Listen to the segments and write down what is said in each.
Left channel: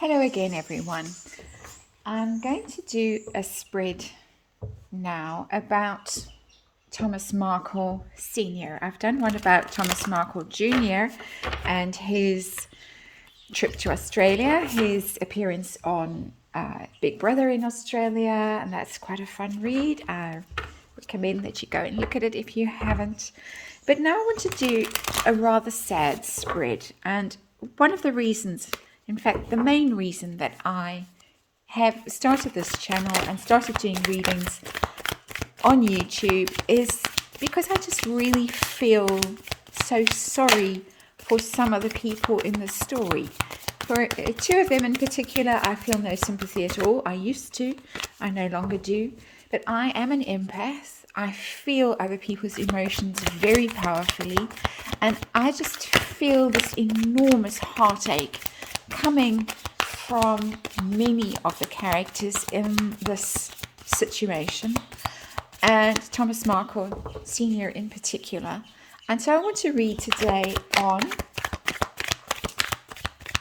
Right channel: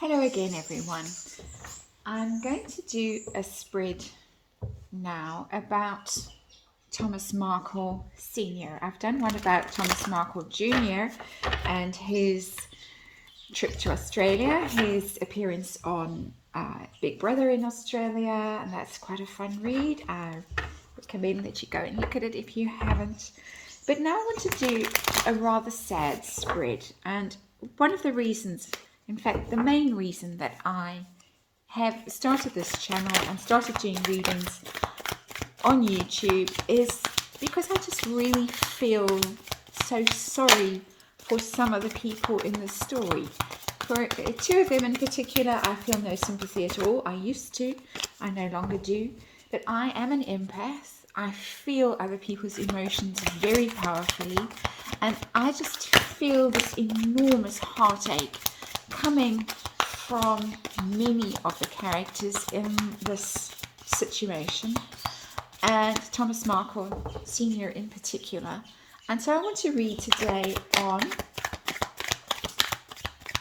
Hello again, everyone. I'm going to do a spread now about Thomas Markle Sr. I've done one about Thomas Markle Jr. and his trip to Australia, his appearance on Big Brother in Australia, and that's quite a fun read. I recommend that you go and look at it if you haven't. But now I want to do a rather sad spread, and one of the reasons, in fact, the main reason that I have started this channel and started doing readings on YouTube is because I just really feel so sorry for some of the people in the story. For two of them in particular, I feel no sympathy at all. I used to, I no longer do, but I am an empath. I feel other people's emotions very powerfully, and I just feel this enormous heartache coming from many of the characters in this situation, and Thomas Markle Sr. in particular. And so I want to read today on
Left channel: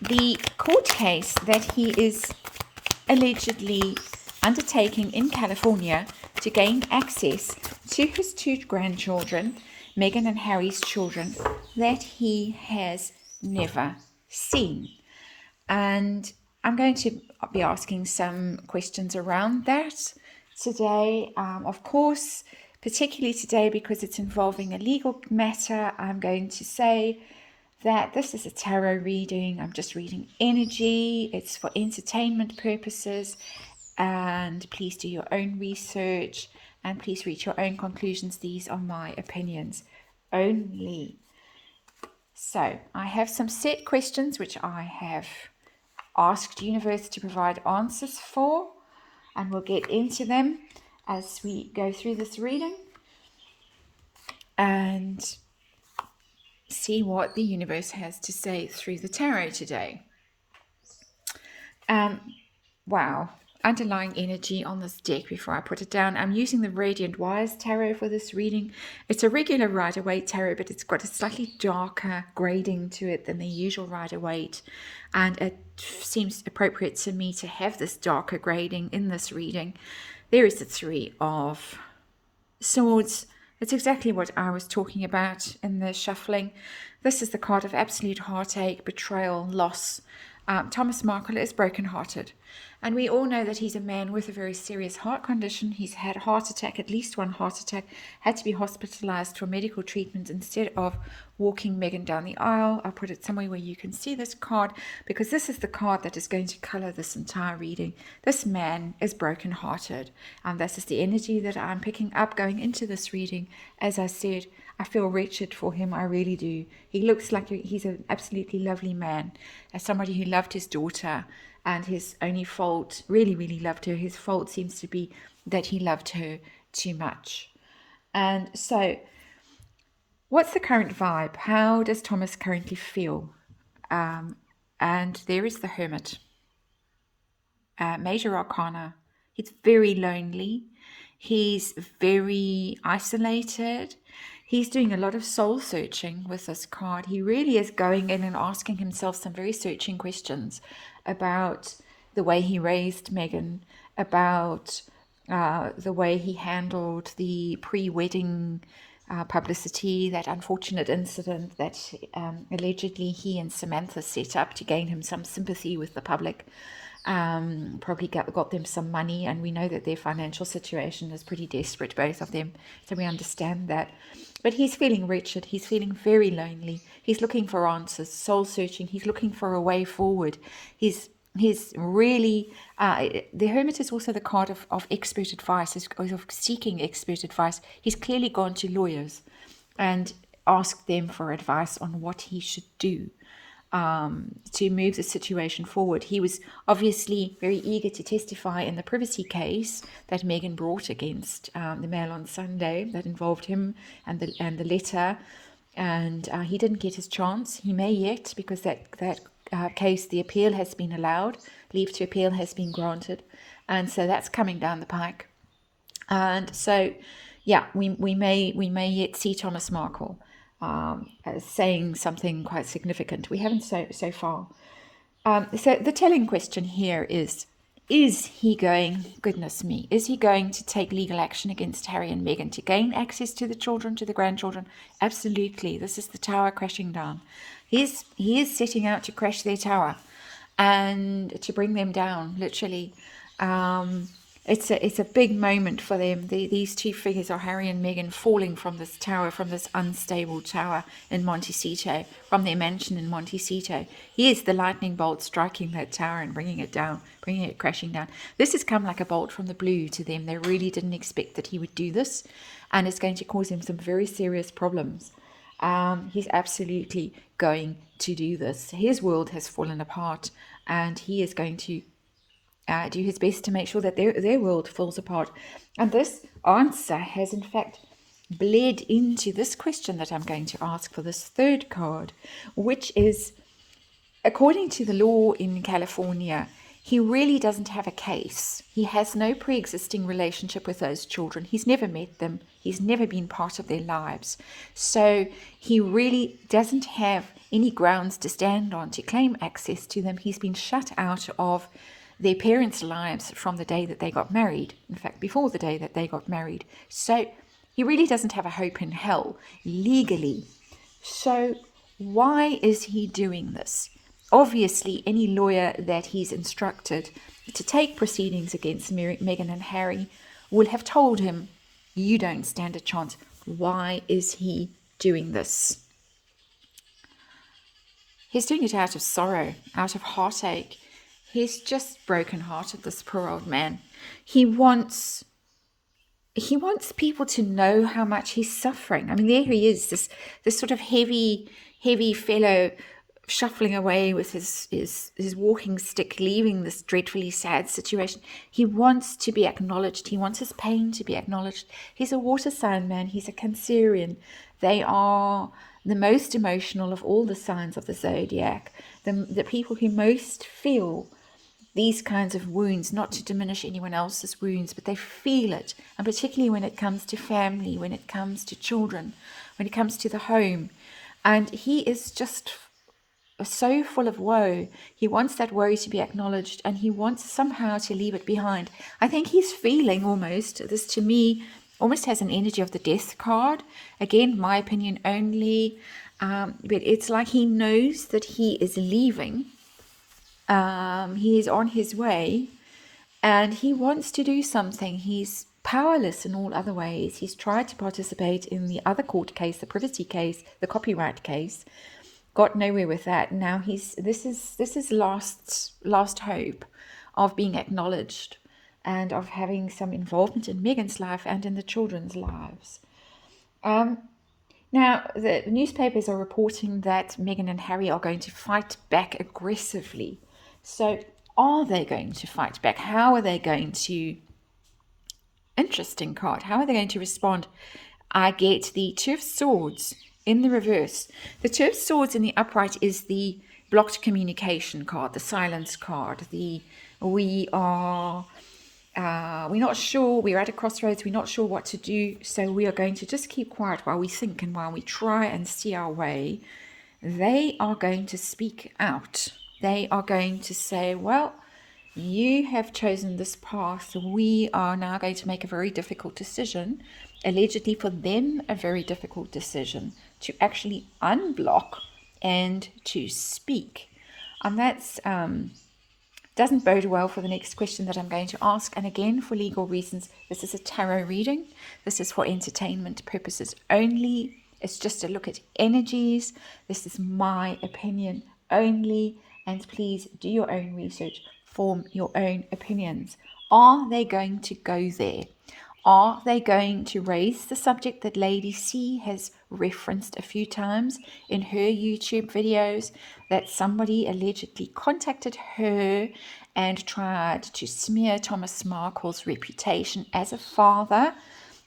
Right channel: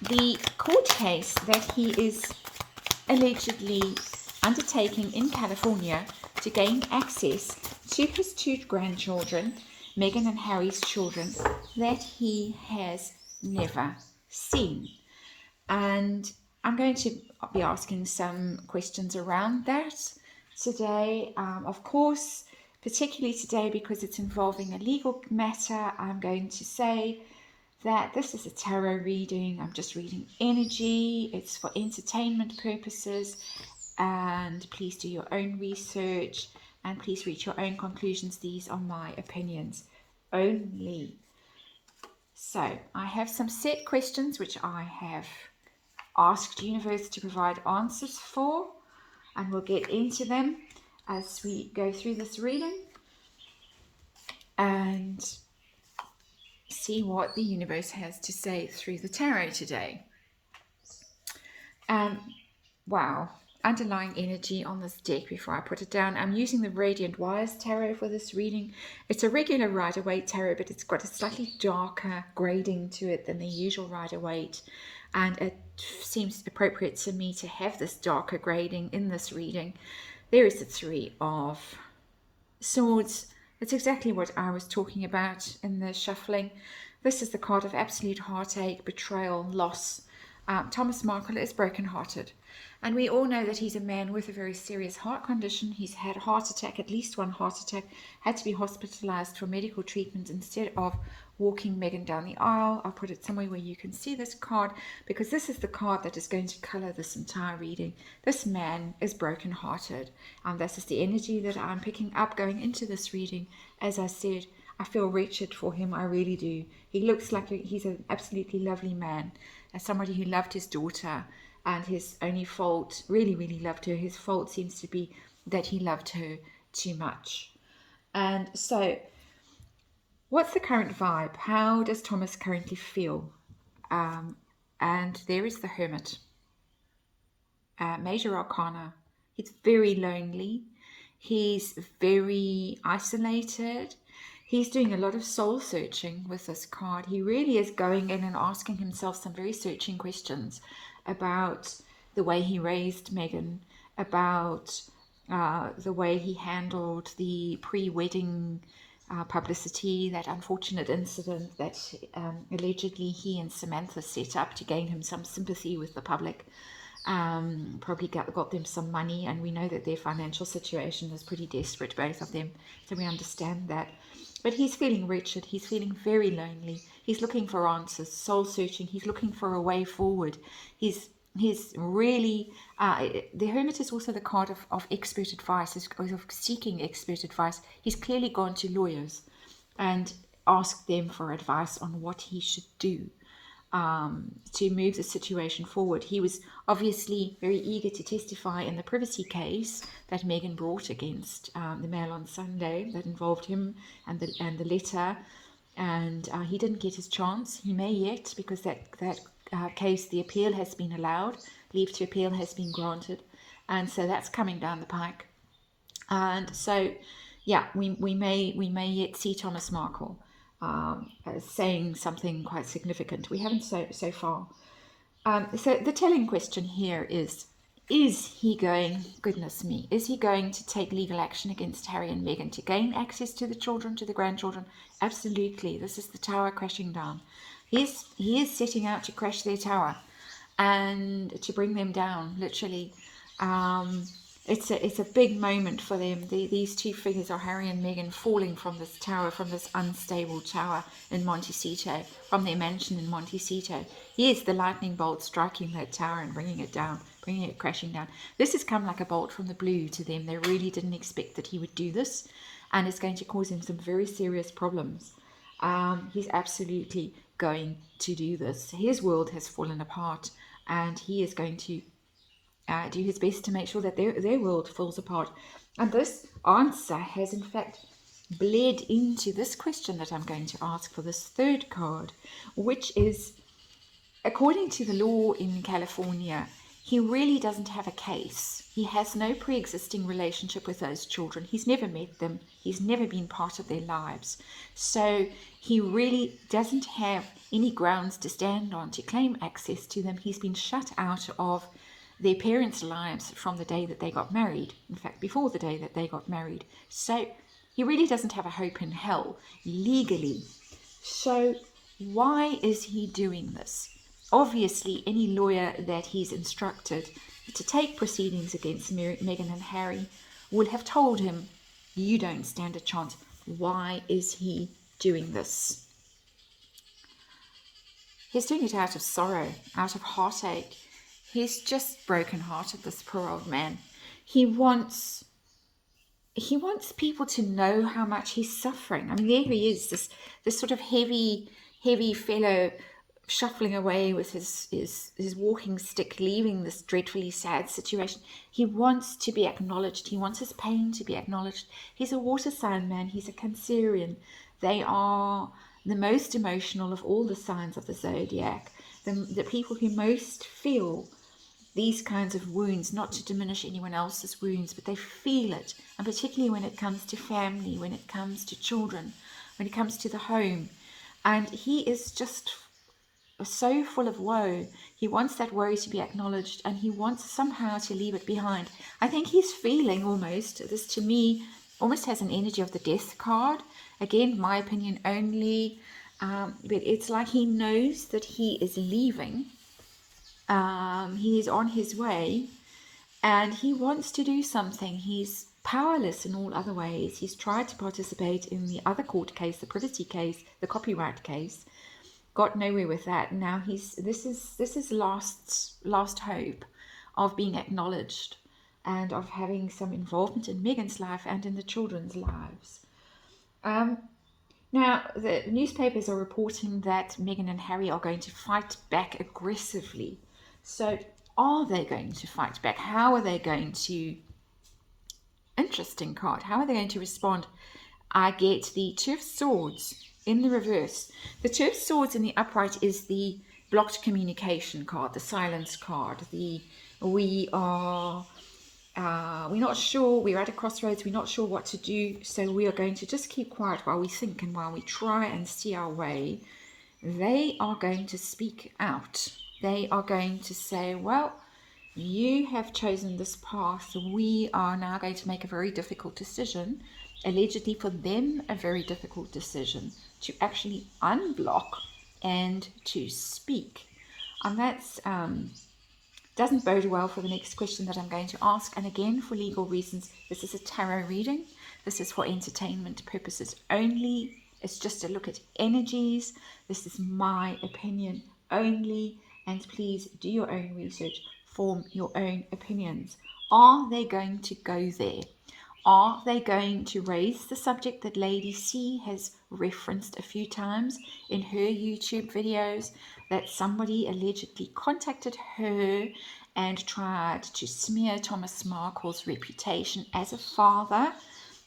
the court case that he is allegedly undertaking in California to gain access to his two grandchildren, Meghan and Harry's children, that he has never seen. And I'm going to be asking some questions around that today. Of course, particularly today because it's involving a legal matter, I'm going to say that this is a tarot reading. I'm just reading energy. It's for entertainment purposes. And please do your own research and please reach your own conclusions. These are my opinions only. So I have some set questions which I have asked universe to provide answers for, and we'll get into them as we go through this reading and see what the universe has to say through the tarot today. Wow, underlying energy on this deck before I put it down. I'm using the Radiant Wires Tarot for this reading. It's a regular Rider-Waite tarot, but it's got a slightly darker grading to it than the usual Rider-Waite, and it seems appropriate to me to have this darker grading in this reading. There is the Three of Swords. It's exactly what I was talking about in the shuffling. This is the card of absolute heartache, betrayal, loss. Thomas Markle is brokenhearted. And we all know that he's a man with a very serious heart condition. He's had a heart attack, at least one heart attack, had to be hospitalized for medical treatment instead of walking Meghan down the aisle. I'll put it somewhere where you can see this card because this is the card that is going to color this entire reading. This man is brokenhearted. And this is the energy that I'm picking up going into this reading. As I said, I feel wretched for him. I really do. He looks like he's an absolutely lovely man. As somebody who loved his daughter, and his only fault, really loved her. His fault seems to be that he loved her too much. And so, what's the current vibe? How does Thomas currently feel? And there is the Hermit. Major Arcana. He's very lonely. He's very isolated. He's doing a lot of soul searching with this card. He really is going in and asking himself some very searching questions about the way he raised Meghan, about the way he handled the pre-wedding publicity, that unfortunate incident that allegedly he and Samantha set up to gain him some sympathy with the public. Probably got them some money, and we know that their financial situation is pretty desperate, both of them, so we understand that. But he's feeling wretched. He's feeling very lonely. He's looking for answers, soul searching. He's looking for a way forward. He's really the Hermit is also the card of expert advice, of seeking expert advice. He's clearly gone to lawyers and asked them for advice on what he should do to move the situation forward. He was obviously very eager to testify in the privacy case that Meghan brought against the Mail on Sunday that involved him and the letter, and he didn't get his chance. He may yet, because that case, the appeal has been allowed, leave to appeal has been granted, and so that's coming down the pike. And so, yeah, we may yet see Thomas Markle saying something quite significant. We haven't so far. So the telling question here is he going, goodness me, is he going to take legal action against Harry and Meghan to gain access to the children, to the grandchildren? Absolutely. This is the tower crashing down. He is setting out to crash their tower and to bring them down, literally. It's a big moment for them. These two figures are Harry and Meghan falling from this tower, from this unstable tower in Montecito, from their mansion in Montecito. Here's the lightning bolt striking that tower and bringing it down, bringing it crashing down. This has come like a bolt from the blue to them. They really didn't expect that he would do this, and it's going to cause him some very serious problems. He's absolutely going to do this. His world has fallen apart, and he is going to do his best to make sure that their world falls apart. And this answer has in fact bled into this question that I'm going to ask for this third card, which is, according to the law in California, he really doesn't have a case. He has no pre-existing relationship with those children. He's never met them. He's never been part of their lives. So he really doesn't have any grounds to stand on to claim access to them. He's been shut out of their parents' lives from the day that they got married. In fact, before the day that they got married. So he really doesn't have a hope in hell legally. So why is he doing this? Obviously, any lawyer that he's instructed to take proceedings against Meghan and Harry will have told him, you don't stand a chance. Why is he doing this? He's doing it out of sorrow, out of heartache. He's just broken-hearted, this poor old man. He wants people to know how much he's suffering. I mean, there he is, this sort of heavy fellow, shuffling away with his walking stick, leaving this dreadfully sad situation. He wants to be acknowledged. He wants his pain to be acknowledged. He's a water sign man. He's a Cancerian. They are the most emotional of all the signs of the zodiac. The people who most feel these kinds of wounds, not to diminish anyone else's wounds, but they feel it. And particularly when it comes to family, when it comes to children, when it comes to the home. And he is just so full of woe. He wants that woe to be acknowledged, and he wants somehow to leave it behind. I think he's feeling almost, this to me almost has an energy of the death card. Again, my opinion only, but it's like he knows that he is leaving. He is on his way, and he wants to do something. He's powerless in all other ways. He's tried to participate in the other court case, the privacy case, the copyright case, got nowhere with that. Now this is last hope of being acknowledged and of having some involvement in Meghan's life and in the children's lives. Now, the newspapers are reporting that Meghan and Harry are going to fight back aggressively. So are they going to fight back? How are they going to... Interesting card. How are they going to respond? I get the Two of Swords in the reverse. The Two of Swords in the upright is the blocked communication card, the silence card. We're not sure, we're at a crossroads, we're not sure what to do, so we are going to just keep quiet while we think and while we try and see our way. They are going to speak out. They are going to say, well, you have chosen this path. We are now going to make a very difficult decision, allegedly for them a very difficult decision, to actually unblock and to speak. And that's doesn't bode well for the next question that I'm going to ask. And again, for legal reasons, this is a tarot reading. This is for entertainment purposes only. It's just a look at energies. This is my opinion only. And please do your own research, form your own opinions. Are they going to go there? Are they going to raise the subject that Lady C has referenced a few times in her YouTube videos, that somebody allegedly contacted her and tried to smear Thomas Markle's reputation as a father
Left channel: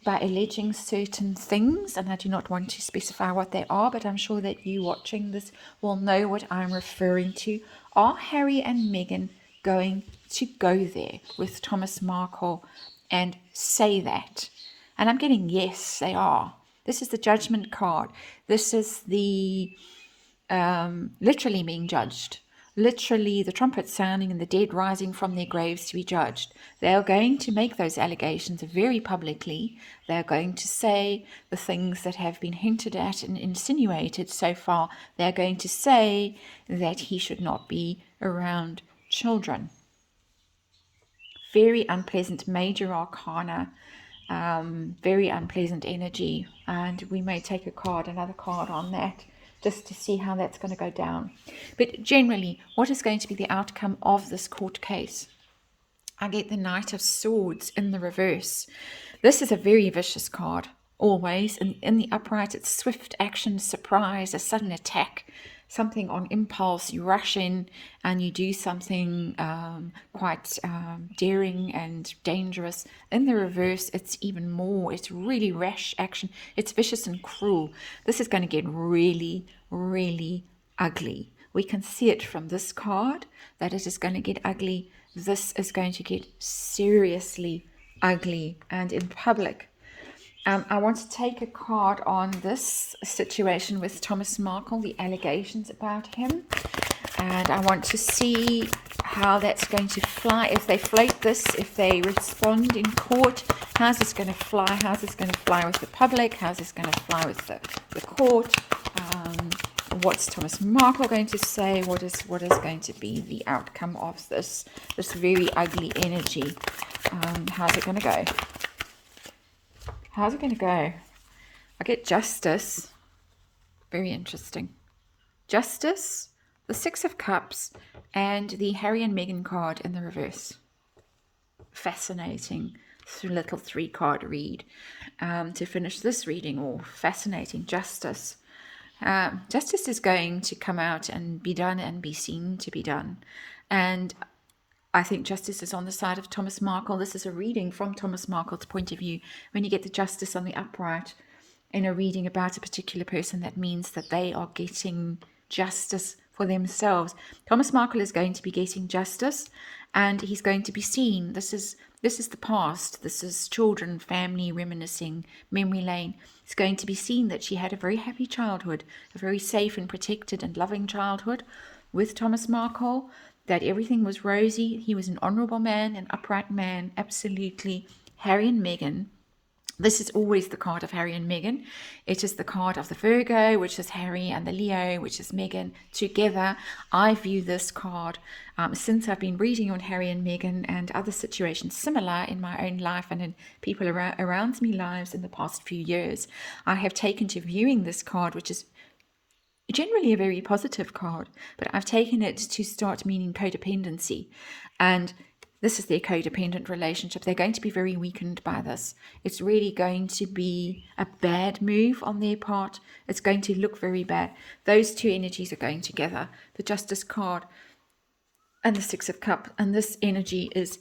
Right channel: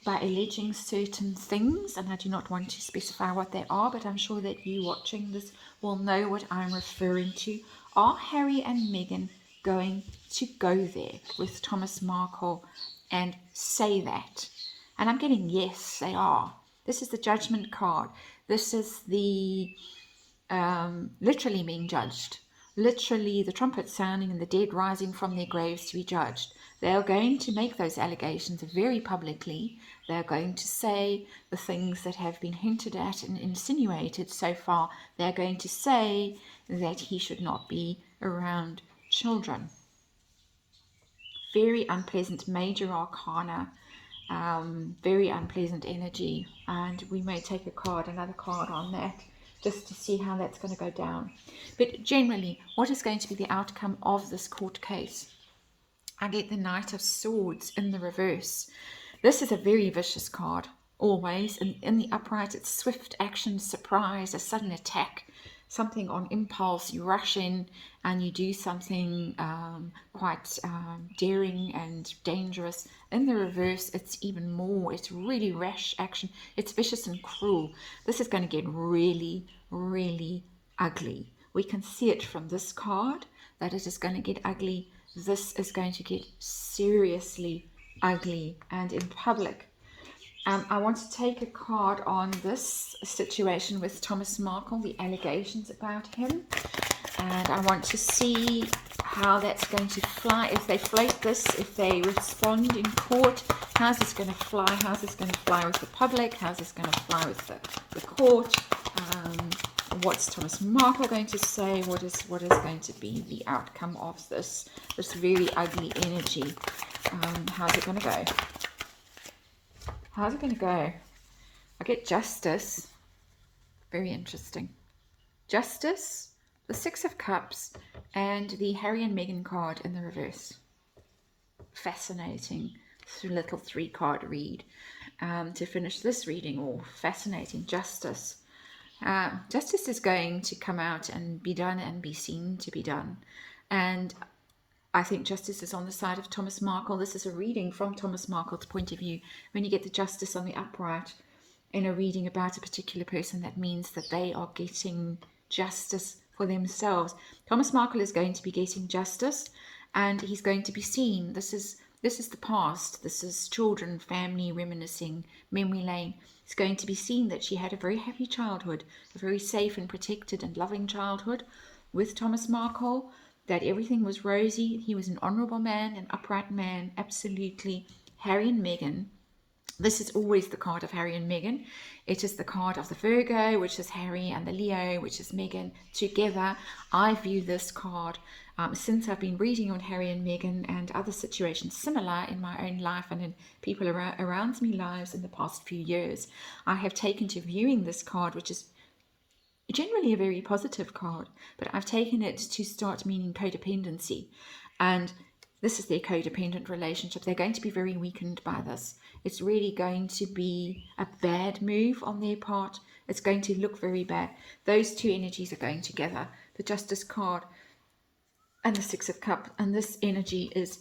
by alleging certain things? And I do not want to specify what they are, but I'm sure that you watching this will know what I'm referring to. Are Harry and Meghan going to go there with Thomas Markle and say that? And I'm getting yes, they are. This is the judgment card. This is the literally being judged. literally the trumpet sounding and the dead rising from their graves to be judged. They are going to make those allegations very publicly. They are going to say the things that have been hinted at and insinuated so far. They are going to say that he should not be around children. Very unpleasant major arcana, very unpleasant energy, and we may take another card on that, just to see how that's going to go down. But generally, what is going to be the outcome of this court case? I get the Knight of Swords in the reverse. This is a very vicious card, always. And in the upright, it's swift action, surprise, a sudden attack, something on impulse. You rush in and you do something quite daring and dangerous. In the reverse, it's even more. It's really rash action. It's vicious and cruel. This is going to get really, really ugly. We can see it from this card that it is going to get ugly. This is going to get seriously ugly and in public. I want to take a card on this situation with Thomas Markle, the allegations about him. And I want to see how that's going to fly. If they float this, if they respond in court, how's this going to fly? How's this going to fly with the public? How's this going to fly with the court? What's Thomas Markle going to say? What is going to be the outcome of this very ugly energy? How's it going to go? How's it going to go? I get Justice. Very interesting. Justice, the Six of Cups, and the Harry and Meghan card in the reverse. Fascinating little 3-card read to finish this reading. Or fascinating. Justice. Justice is going to come out and be done and be seen to be done. And I think justice is on the side of Thomas Markle. This is a reading from Thomas Markle's point of view. When you get the Justice on the upright in a reading about a particular person, that means that they are getting justice for themselves. Thomas Markle is going to be getting justice, and he's going to be seen. This is the past. This is children, family, reminiscing, memory lane. It's going to be seen that she had a very happy childhood, a very safe and protected and loving childhood with Thomas Markle, that everything was rosy. He was an honourable man, an upright man, absolutely. Harry and Meghan. This is always the card of Harry and Meghan. It is the card of the Virgo, which is Harry, and the Leo, which is Meghan, together. I view this card, since I've been reading on Harry and Meghan and other situations similar in my own life and in people around me lives in the past few years, I have taken to viewing this card, which is generally a very positive card, but I've taken it to start meaning codependency. And this is their codependent relationship. They're going to be very weakened by this. It's really going to be a bad move on their part. It's going to look very bad. Those two energies are going together. The Justice card and the Six of Cups. And this energy is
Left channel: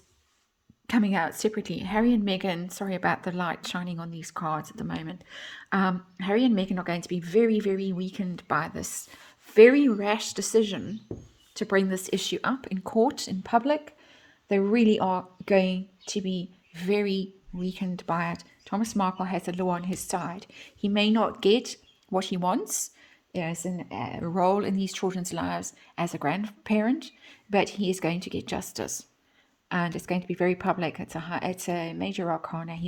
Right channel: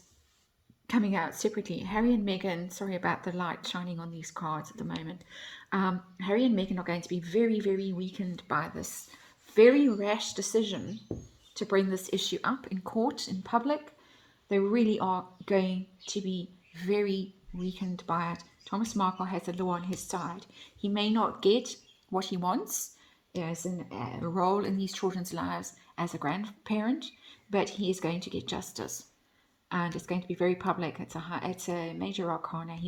coming out separately. Harry and Meghan, sorry about the light shining on these cards at the moment. Harry and Meghan are going to be very, very weakened by this very rash decision to bring this issue up in court, in public. They really are going to be very weakened by it. Thomas Markle has the law on his side. He may not get what he wants as a role in these children's lives as a grandparent, but he is going to get justice. And it's going to be very public. It's a major arcana.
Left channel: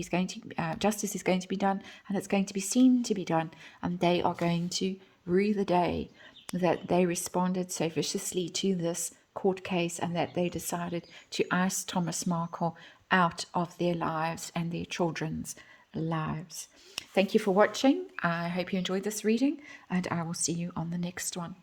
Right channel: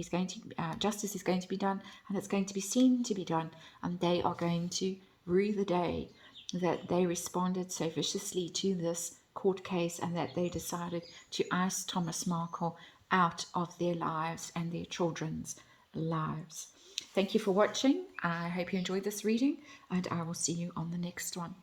Justice is going to be done, and it's going to be seen to be done. And they are going to rue the day that they responded so viciously to this court case, and that they decided to ice Thomas Markle out of their lives and their children's lives. Thank you for watching. I hope you enjoyed this reading, and I will see you on the next one.